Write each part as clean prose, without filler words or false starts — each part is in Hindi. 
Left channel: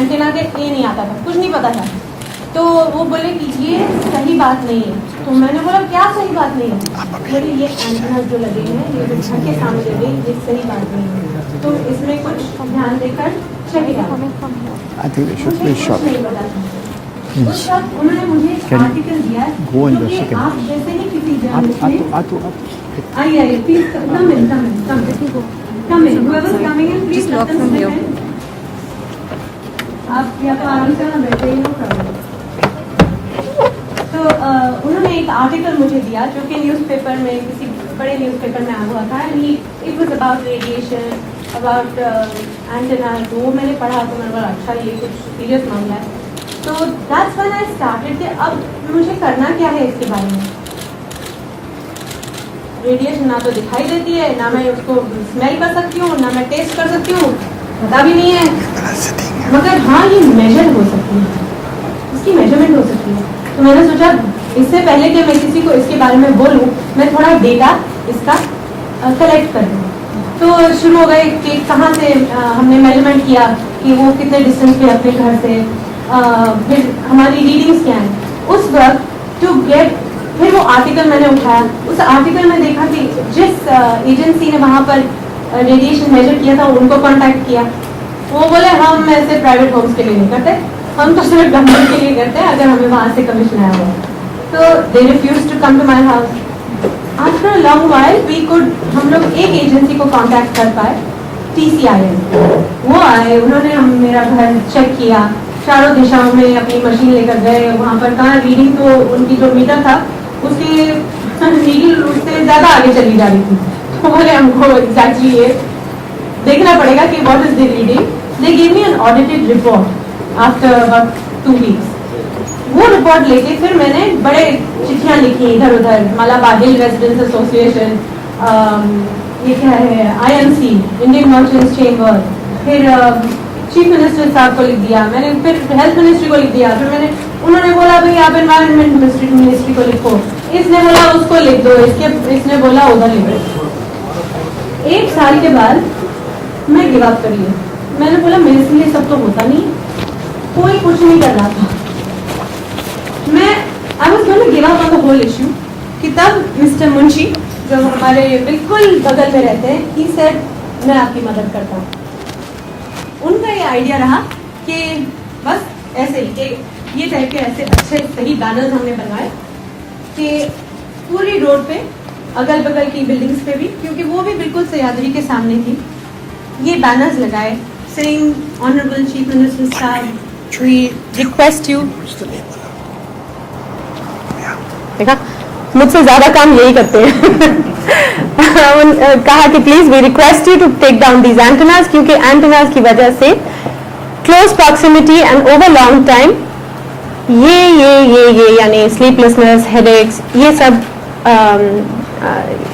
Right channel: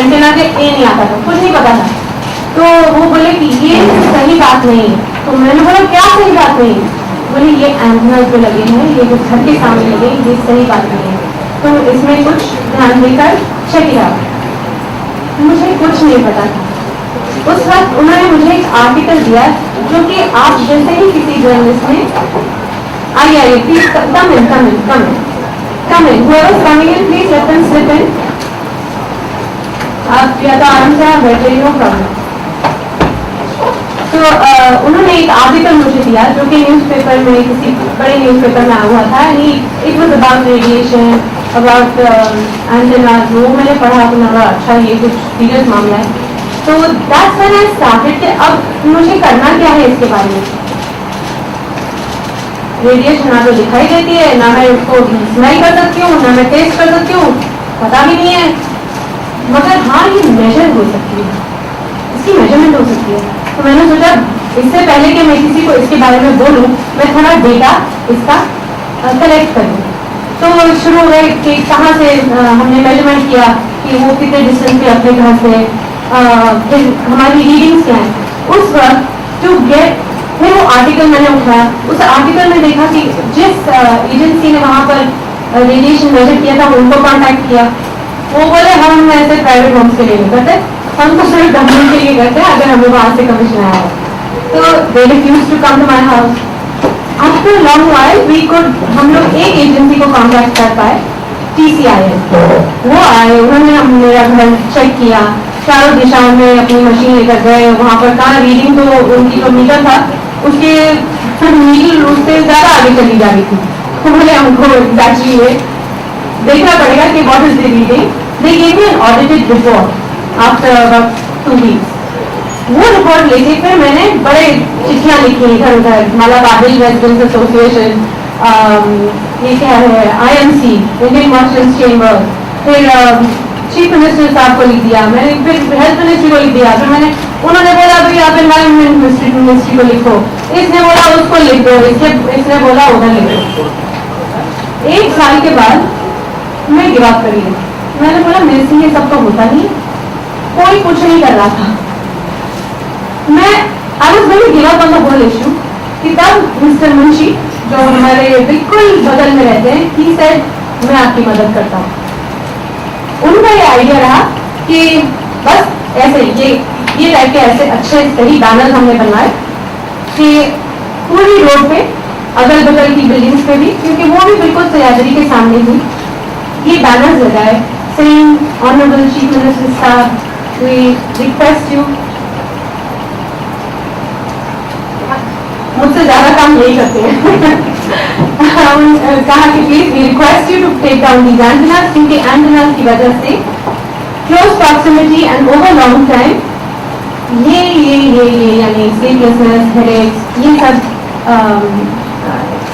एंटेना के ए नहीं आता था, कुछ नहीं पता था। तो वो बोले कि ये सही बात नहीं है। तो मैंने बोला क्या सही बात नहीं है? बोले ये एंटेना जो लगे हैं, ये जो छत के सामने लगे, ये सही बात नहीं है, तो इसमें कुछ ध्यान देकर चेक किया। मुझे कुछ नहीं पता था। उस वक्त उन्होंने मुझे एक आर्टिकल दिया जो कि आप जैसे ही किसी जर्नलिस्ट ने आइए please come in whoever is coming in please let them slip in। आप या तो आराम से आप बैठे, नो प्रॉब्लम। तो उन्होंने एक आर्टिकल मुझे दिया जो कि न्यूज़पेपर में, किसी बड़े न्यूज़पेपर में आया हुआ था। It was about radiation, about antennas. वो मैंने पढ़ा तो मैंने अच्छा ये कुछ सीरियस मामला है। तो दैट्स व्हेन आई स्टार्टेड कि अब मुझे करना क्या है इसके बारे में। रेडिएशन ना तो दिखाई देती है, ना मैं उसको स्मेल कर सकती हूँ, ना मैं टेस्ट कर सकती हूँ, पता भी नहीं है, मगर हाँ ये मेजर हो सकती है, इसकी मेजरमेंट हो सकती है। तो मैंने सोचा इससे पहले कि मैं किसी को इसके बारे में बोलूँ, मैं थोड़ा डेटा इसका कलेक्ट कर दूँ। तो शुरू हो गए कि कहाँ से हमने मेजरमेंट किया कि वो कितने डिस्टेंस पे अपने घर से, फिर हमारी रीडिंग्स क्या हैं उस वक्त टू गेट। फिर वो आर्टिकल मैंने उठाया, उस आर्टिकल में देखा कि जिस एजेंसी ने वहाँ पर रेडिएशन मेजर किया था उनको कॉन्टैक्ट किया। वो बोले हम ऐसे प्राइवेट होम्स के लिए नहीं करते, हम तो सिर्फ गवर्नमेंट के लिए करते हैं अगर हमें वहाँ से कमीशन आया हो। तो they refuse to come to my house. After long while we could, हम लोग एक एजेंसी को कॉन्टैक्ट कर पाए, TCIL। वो आए, उन्होंने मेरा घर चेक किया, चारों दिशाओं में अपनी मशीन लेकर गए। वहाँ पर कहाँ रीडिंग तो उनकी जो मीटर था उसके नीडल उससे ज़्यादा आगे चली जा रही थी। तो बोले हमको एग्जैक्टली ये देखना पड़ेगा कि what is the reading. They give me an audited report after about 2 weeks. वो रिपोर्ट लेके फिर मैंने बड़े चिट्ठियाँ लिखी इधर उधर, मलाबारिश रेजिडेंट्स एसोसिएशन, ये क्या है IMC, इंडियन मर्चेंट्स चेंबर, फिर चीफ मिनिस्टर साहब को लिख दिया मैंने, फिर हेल्थ मिनिस्ट्री को लिख दिया। फिर मैंने, उन्होंने बोला भाई आप एनवायरमेंट मिनिस्ट्री को लिखो, इसने बोला उसको लिख दो, इसने बोला उधर लिख दो। 1 साल के बाद मैं गिव अप करी। मैंने बोला मेरे से ये सब तो होता नहीं, कोई कुछ नहीं कर रहा था। मैं I was going to give up on the whole issue कि तब मिस्टर मुंशी जो हमारे बिल्कुल बगल में रहते हैं, ही सेड मैं आपकी मदद करता हूँ। उनका ये आइडिया रहा कि बस ऐसे ये टाइप के ऐसे अच्छे सही बैनर हमने बनवाए कि पूरी रोड पे, अगल बगल की बिल्डिंग्स पे भी, क्योंकि वो भी बिल्कुल सयादरी के सामने ही, ये बैनर्स लगाए सेइंग ऑनरेबल चीफ मिनिस्टर साहब वी रिक्वेस्ट यू। देखा मुझसे ज्यादा काम यही करते हैं। कहा कि please we request you to take down these antennas, क्योंकि एंटेनास की वजह से close proximity and over long time ये यानी स्लीपलेसनेस, हेडेक्स,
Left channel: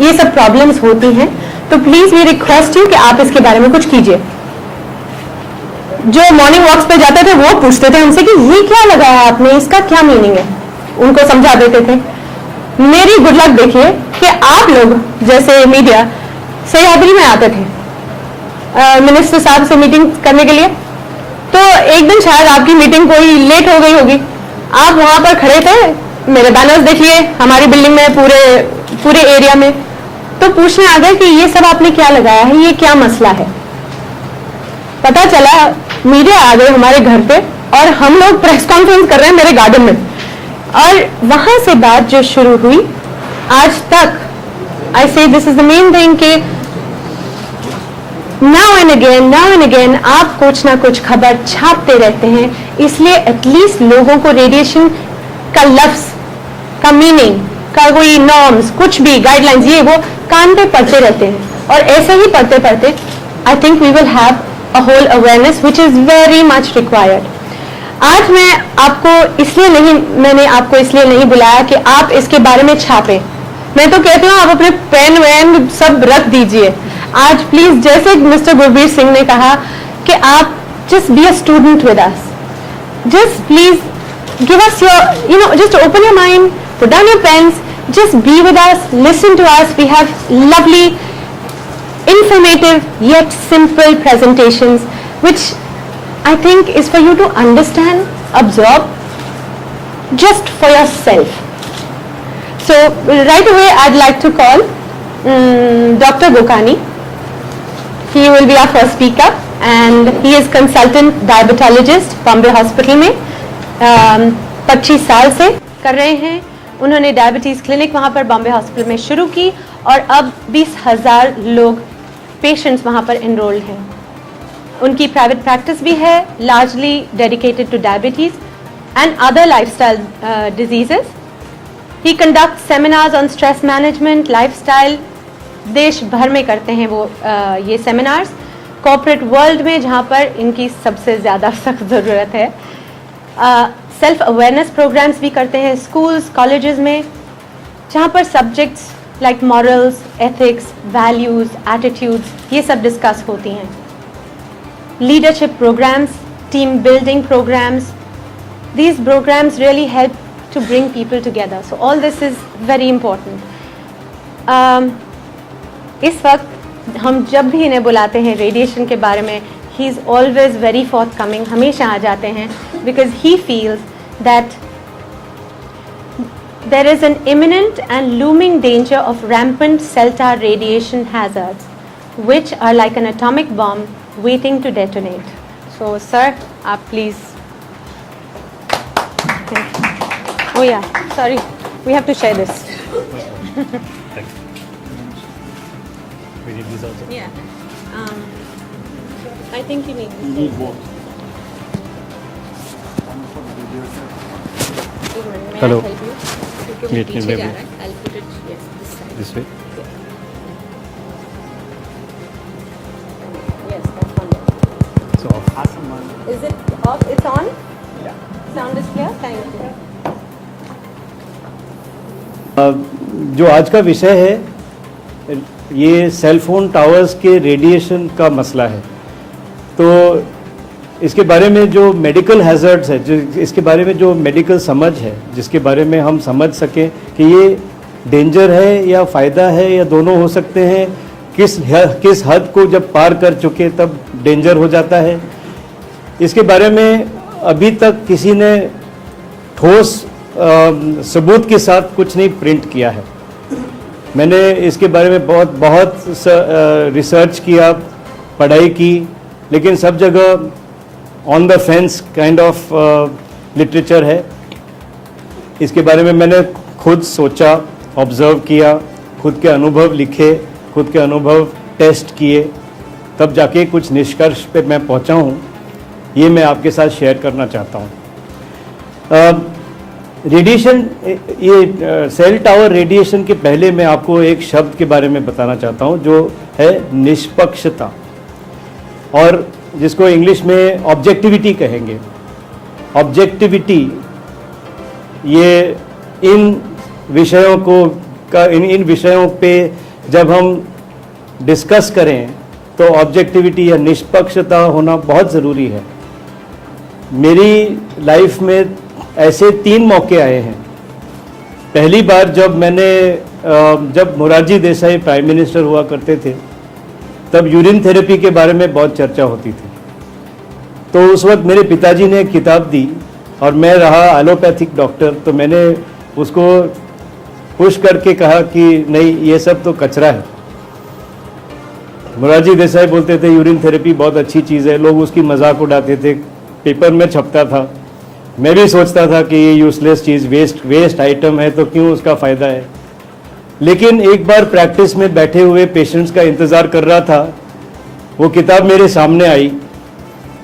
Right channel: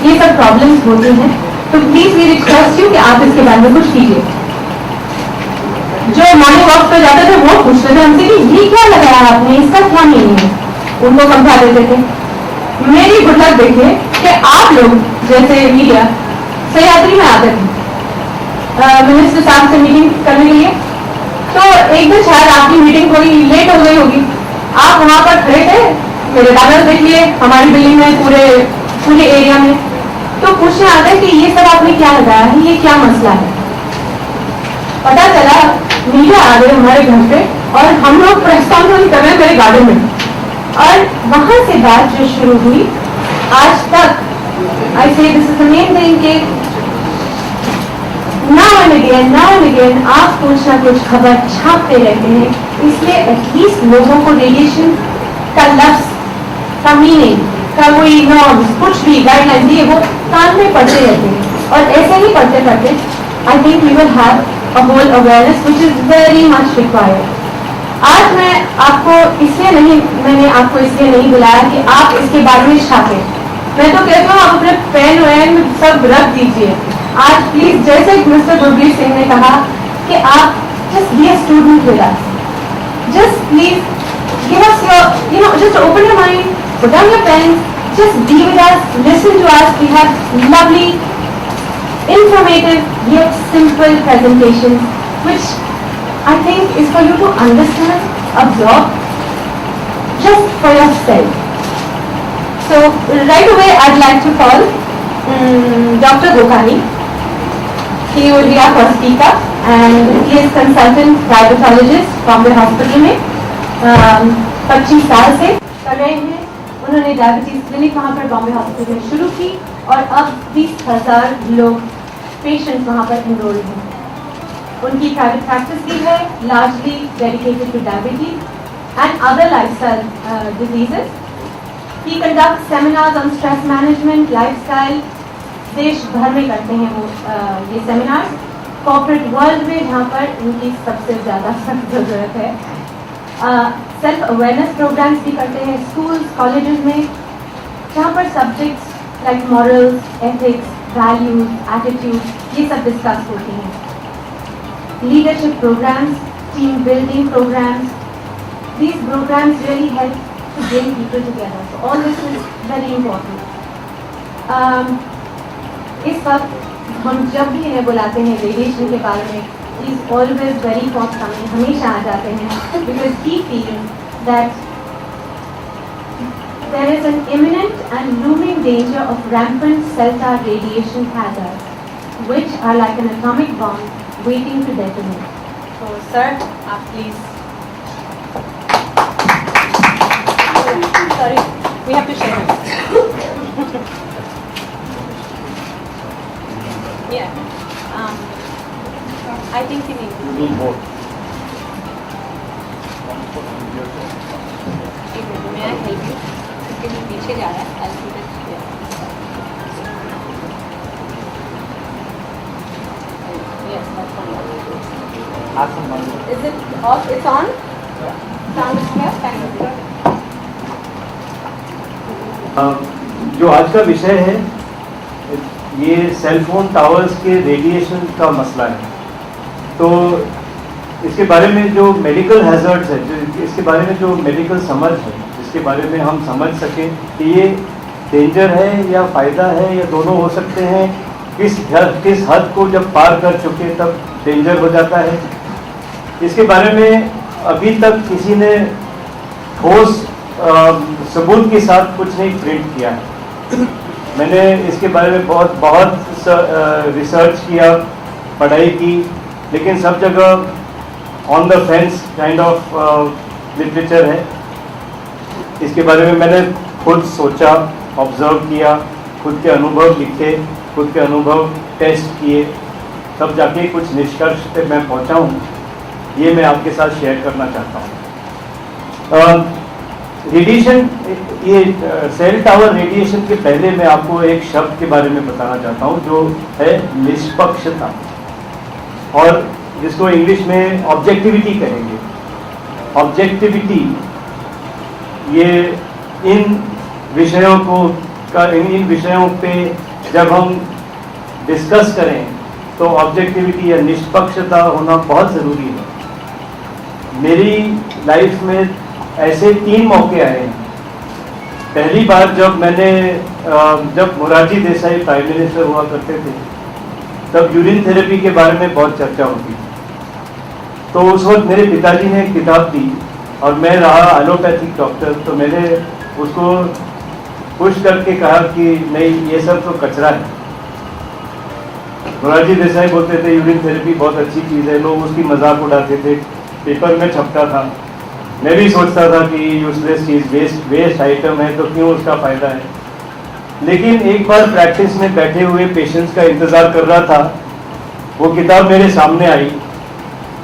ये सब प्रॉब्लम्स होती हैं। तो प्लीज वी रिक्वेस्ट यू कि आप इसके बारे में कुछ कीजिए। जो मॉर्निंग वॉक्स पे जाते थे वो पूछते थे हमसे कि ये क्या लगाया आपने, इसका क्या मीनिंग है, उनको समझा देते थे। मेरी गुड लक देखिए कि आप लोग जैसे मीडिया सह्याद्री में आते थे मिनिस्टर साहब से मीटिंग करने के लिए। तो एक दिन शायद आपकी मीटिंग कोई लेट हो गई होगी, आप वहां पर खड़े थे, मेरे बैनर्स देखिए हमारी बिल्डिंग में, पूरे एरिया में। तो पूछने आ गए कि ये सब आपने क्या लगाया है, ये क्या मसला है। पता चला मीडिया आ गई हमारे घर पे और हम लोग प्रेस कॉन्फ्रेंस कर रहे हैं मेरे गार्डन में। और वहां से बात जो शुरू हुई आज तक, आई से this is the main thing कि नाउ एंड अगेन आप कुछ ना कुछ खबर छापते रहते हैं, इसलिए एटलीस्ट लोगों को रेडिएशन का लफ्ज का मीनिंग का कोई नॉर्म्स, कुछ भी गाइडलाइंस, ये वो कान पे पढ़ते रहते हैं। और ऐसे ही पढ़ते पढ़ते I think we will have a whole awareness which is very much required. आज मैंने आपको इसलिए नहीं बुलाया कि आप इसके बारे में छापें। मैं तो कहती हूँ आप अपने पेन वैन सब रख दीजिए। आज प्लीज, जैसे मिस्टर गुरबीर सिंह ने कहा कि आप just be a student with us, just please give us your, just open your mind, put down your pens, just be with us, listen to us. We have lovely, informative yet simple presentations which I think is for you to understand, absorb, just for yourself. So right away I'd like to call Dr. Gokani. He will be our first speaker and he is consultant diabetologist Bombay hospital में 25 साल से कर रहे हैं. उन्होंने डायबिटीज़ क्लिनिक वहाँ पर बॉम्बे हॉस्पिटल में शुरू की और अब 20,000 लोग पेशेंट्स वहाँ पर इनरोल्ड हैं. उनकी प्राइवेट प्रैक्टिस भी है, largely dedicated two diabetes and other lifestyle diseases. He conduct seminars on stress management, lifestyle. देश भर में करते हैं वो ये सेमिनार्स, कॉर्पोरेट वर्ल्ड में जहाँ पर इनकी सबसे ज़्यादा सख्त ज़रूरत है. सेल्फ अवेयरनेस प्रोग्राम्स भी करते हैं स्कूल्स कॉलेजेस में, जहाँ पर subjects like morals, ethics, values, attitudes ये सब डिस्कस होती हैं. Leadership programs, team building programs, these programs really help to bring people together. So all this is very important. इस वक्त हम जब भी इन्हें बुलाते हैं रेडिएशन के बारे में, he is always very forthcoming, हमेशा आ जाते हैं, because he feels that there is an imminent and looming danger of rampant cell tower radiation hazards, which are like an atomic bomb waiting to detonate. So sir, आप please. Oh yeah, sorry, we have to share this. Yeah, I think you need this. both. May Hello. I help you? क्योंकि Wait, पीछे wait. जा रहा है. I'll put it here. This way. Yes, that's fine. Is it off? It's on? Sound is clear? Thank you. जो आज का विषय है ये सेल फोन टावर्स के रेडिएशन का मसला है. तो इसके बारे में जो मेडिकल हैज़र्ड्स है, जो इसके बारे में जो मेडिकल समझ है, जिसके बारे में हम समझ सकें कि ये डेंजर है या फ़ायदा है या दोनों हो सकते हैं, किस हद को जब पार कर चुके तब डेंजर हो जाता है, इसके बारे में अभी तक किसी ने ठोस सबूत के साथ कुछ नहीं प्रिंट किया है. मैंने इसके बारे में बहुत रिसर्च किया, पढ़ाई की, लेकिन सब जगह on the fence kind of literature है. इसके बारे में मैंने खुद सोचा, ऑब्ज़र्व किया, खुद के अनुभव लिखे, खुद के अनुभव टेस्ट किए, तब जाके कुछ निष्कर्ष पे मैं पहुंचा हूँ. ये मैं आपके साथ शेयर करना चाहता हूँ. रेडिएशन, ये सेल टावर रेडिएशन के पहले मैं आपको एक शब्द के बारे में बताना चाहता हूँ जो है निष्पक्षता, और जिसको इंग्लिश में ऑब्जेक्टिविटी कहेंगे. ऑब्जेक्टिविटी, ये इन विषयों को इन विषयों पे जब हम डिस्कस करें तो ऑब्जेक्टिविटी या निष्पक्षता होना बहुत ज़रूरी है. मेरी लाइफ में ऐसे 3 मौके आए हैं. पहली बार जब मोरारजी देसाई प्राइम मिनिस्टर हुआ करते थे, तब यूरिन थेरेपी के बारे में बहुत चर्चा होती थी. तो उस वक्त मेरे पिताजी ने एक किताब दी और मैं रहा एलोपैथिक डॉक्टर, तो मैंने उसको पुश करके कहा कि नहीं, ये सब तो कचरा है. मोरारजी देसाई बोलते थे यूरिन थेरेपी बहुत अच्छी चीज़ है, लोग उसकी मजाक उड़ाते थे, पेपर में छपता था. मैं भी सोचता था कि ये यूजलेस चीज़, वेस्ट आइटम है, तो क्यों उसका फ़ायदा है. लेकिन एक बार प्रैक्टिस में बैठे हुए पेशेंट्स का इंतज़ार कर रहा था, वो किताब मेरे सामने आई,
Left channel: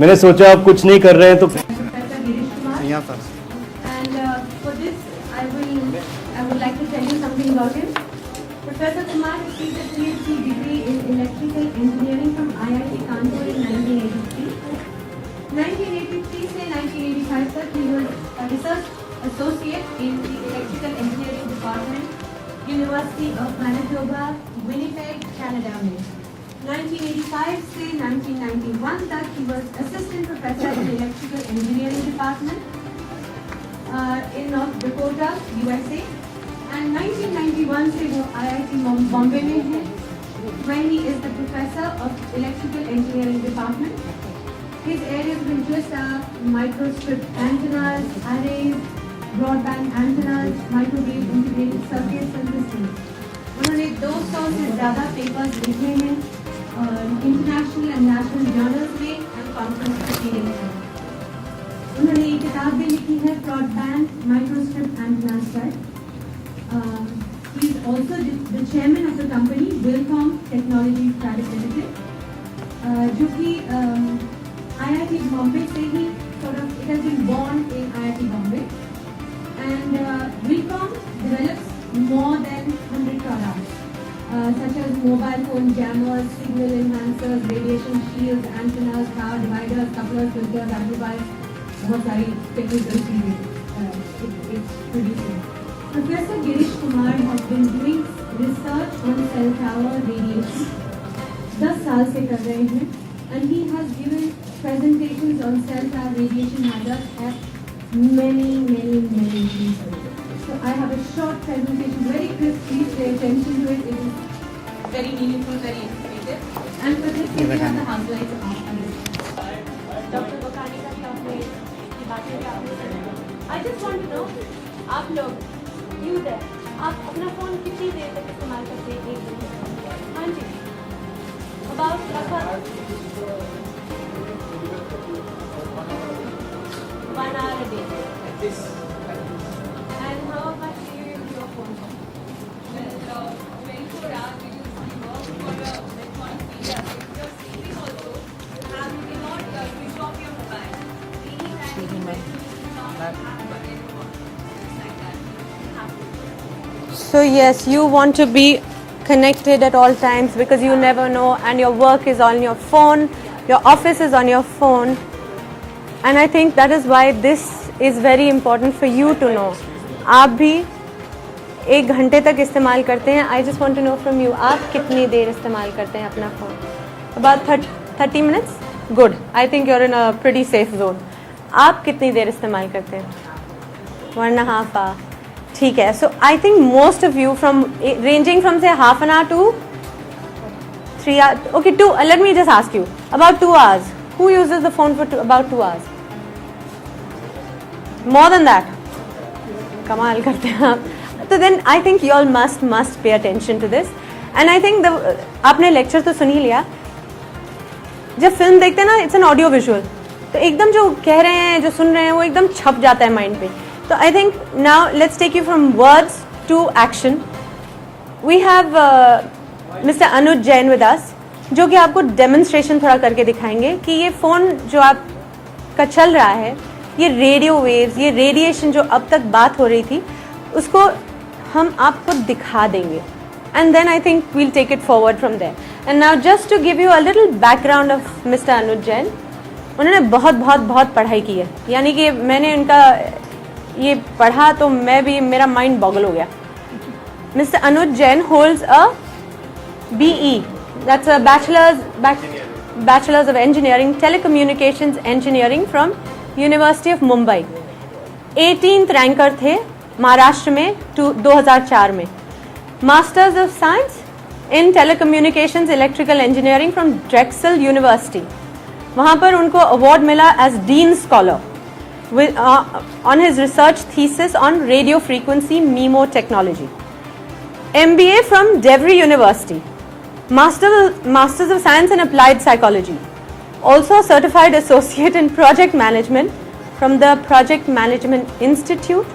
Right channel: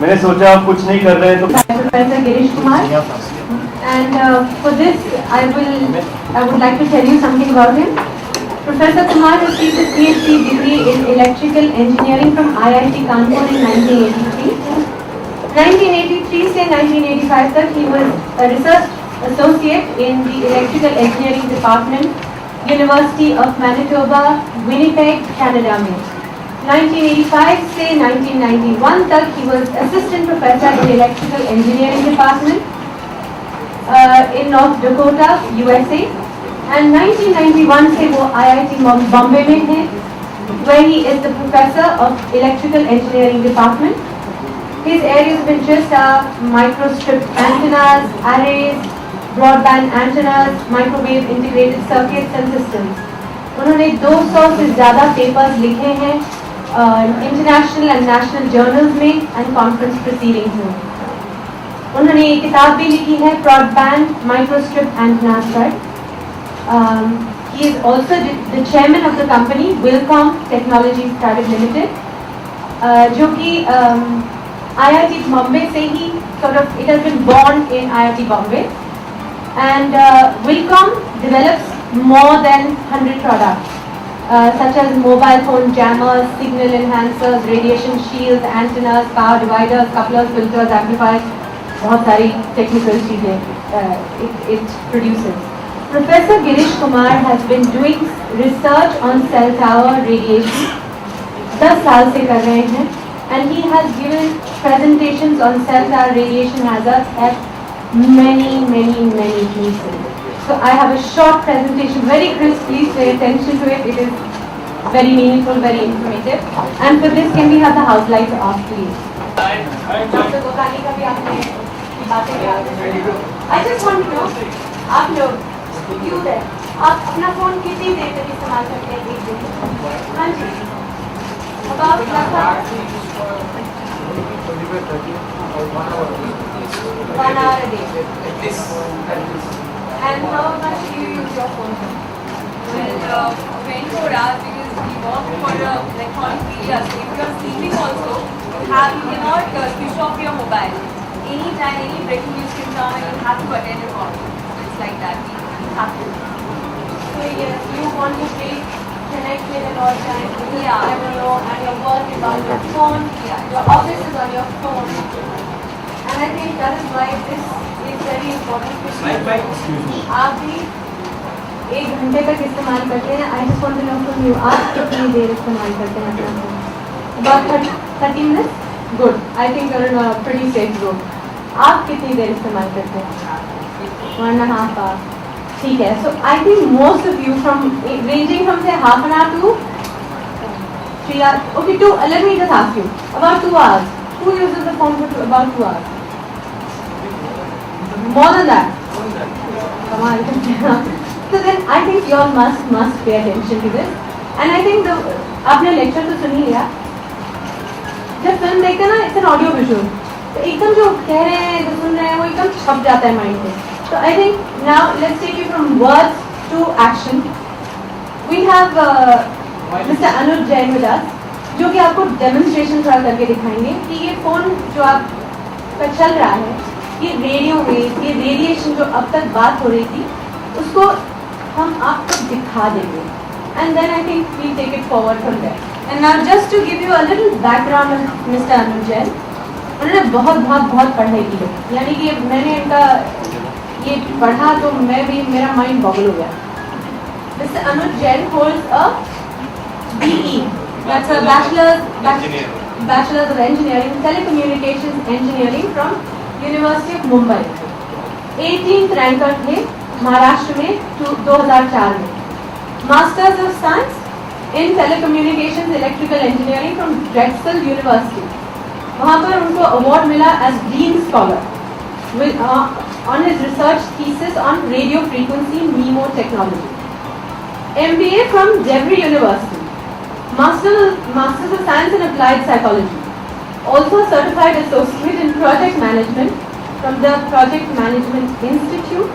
मैंने सोचा आप कुछ नहीं कर रहे हैं तो Professor Girish Kumar, and for this I would like to tell you something about him. Professor Kumar received his PhD degree in electrical engineering from IIT Kanpur in 1983. 1983 से 1985 तक he was a research associate in the electrical engineering department, University of Manitoba, Winnipeg, Canada में. 1985 से 1991 तक he was assistant professor in electrical engineering department in North Dakota, USA. And 1991 से वो IIT बॉम्बे में हैं, where he is the professor of electrical engineering department. His areas of interest are microstrip antennas, arrays, broadband antennas, microwave integrated circuits and systems. उन्होंने 200 से ज़्यादा पेपर्स लिखे हैं इंटरनेशनल एंड नेशनल जर्नल्स में एंड कॉन्फ्रेंस प्रोसीडिंग्स में. उन्होंने एक किताब भी लिखी है ब्रॉडबैंड माइक्रोस्ट्रिप एंटेनास पर. He is also the chairman of the company Wilcom Technologies Private Limited, जो कि IIT Bombay से ही sort of it has been born in IIT Bombay, and Wilcom develops more than 100 products such as mobile phone jammers, signal enhancers, radiation shields, antennas, power dividers, couplers, filters, amplifiers. बहुत सारी technical चीजें it produces. Professor Girish Kumar has been doing research on cell tower radiation 10 साल से कर रहे हैं, and he has given presentations on cell tower radiation hazards at many places. So I have a short presentation, very crisp. Please pay attention to it. It is very meaningful, very informative. And for this, can we have the house lights off, please? Dr. Gokani का भी आपने बातें किया. I just want to know, आप लोग you there, आप अपना फोन कितनी देर तक इस्तेमाल करते हैं एक दिन में? हाँ जी. About लगभग 1 hour a day. And how much do you use your phone for? Well, 24 hours because we work for like 43 years. So if you are sleeping also, you cannot switch off your mobile. Anytime, any breaking news can come and you have to attend a call. It's like that. You have to. So yes, you want to be connected at all times because you never know, and your work is on your phone, your office is on your phone, and I think that is why this is very important for you to know. आप भी 1 घंटे तक इस्तेमाल करते हैं. I just want to know from you, आप कितनी देर इस्तेमाल करते हैं अपना phone? About 30 minutes? Good. I think you're in a pretty safe zone. आप कितनी देर इस्तेमाल करते हैं? 1.5 hour. ठीक है. So I think most of you ranging from say half an hour to 3 hours. Okay, let me just ask you about 2 hours. Who uses the phone for about 2 hours? More than that. कमाल करते हैं आप. So then I think you all must pay attention to this. And I think आपने lecture तो सुन ही लिया. जब फिल्म देखते हैं ना, it's an audio visual. तो एकदम जो कह रहे हैं, जो सुन रहे हैं, वो एकदम छप जाता है माइंड में. So I think now let's take you from words to action. We have Mr. Anuj Jain with us, जो कि आपको demonstration थोड़ा करके दिखाएंगे कि ये फ़ोन जो आपका चल रहा है, ये रेडियो वेव्स, ये रेडिएशन जो अब तक बात हो रही थी, उसको हम आपको दिखा देंगे. And then I think we'll take it forward from there. And now just to give you a little background of Mr. Anuj Jain, उन्होंने बहुत पढ़ाई की है. यानी कि मैंने इनका ये पढ़ा तो मेरा माइंड बॉगल हो गया. Mr. Anuj Jain holds a BE, that's a Bachelor's of Engineering, Telecommunications Engineering from University of Mumbai. 18th ranker थे महाराष्ट्र में 2004 में. Masters of Science in Telecommunications Electrical Engineering from Drexel University. वहाँ पर उनको अवार्ड मिला as Dean Scholar with on his research thesis on radio frequency MIMO technology. MBA from Devry University. Masters of Science in Applied Psychology. Also a certified associate in project management from the Project Management Institute.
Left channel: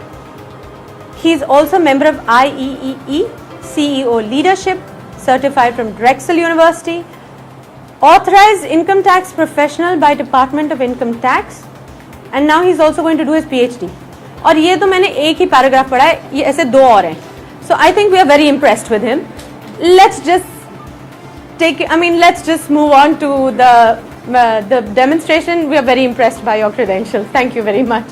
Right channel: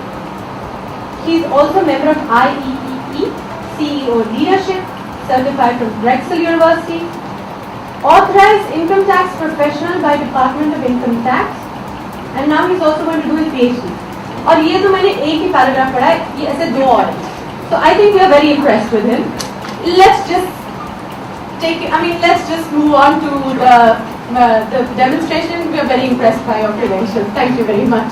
He is also a member of IEEE CEO Leadership, certified from Drexel University. Authorized income tax professional by Department of Income Tax. And now he is also going to do his PhD. और ये तो मैंने एक ही पैराग्राफ पढ़ा है, ये ऐसे 2 और हैं. So I think we are very impressed with him. Let's just move on to the demonstration. We are very impressed by your credentials. Thank you very much.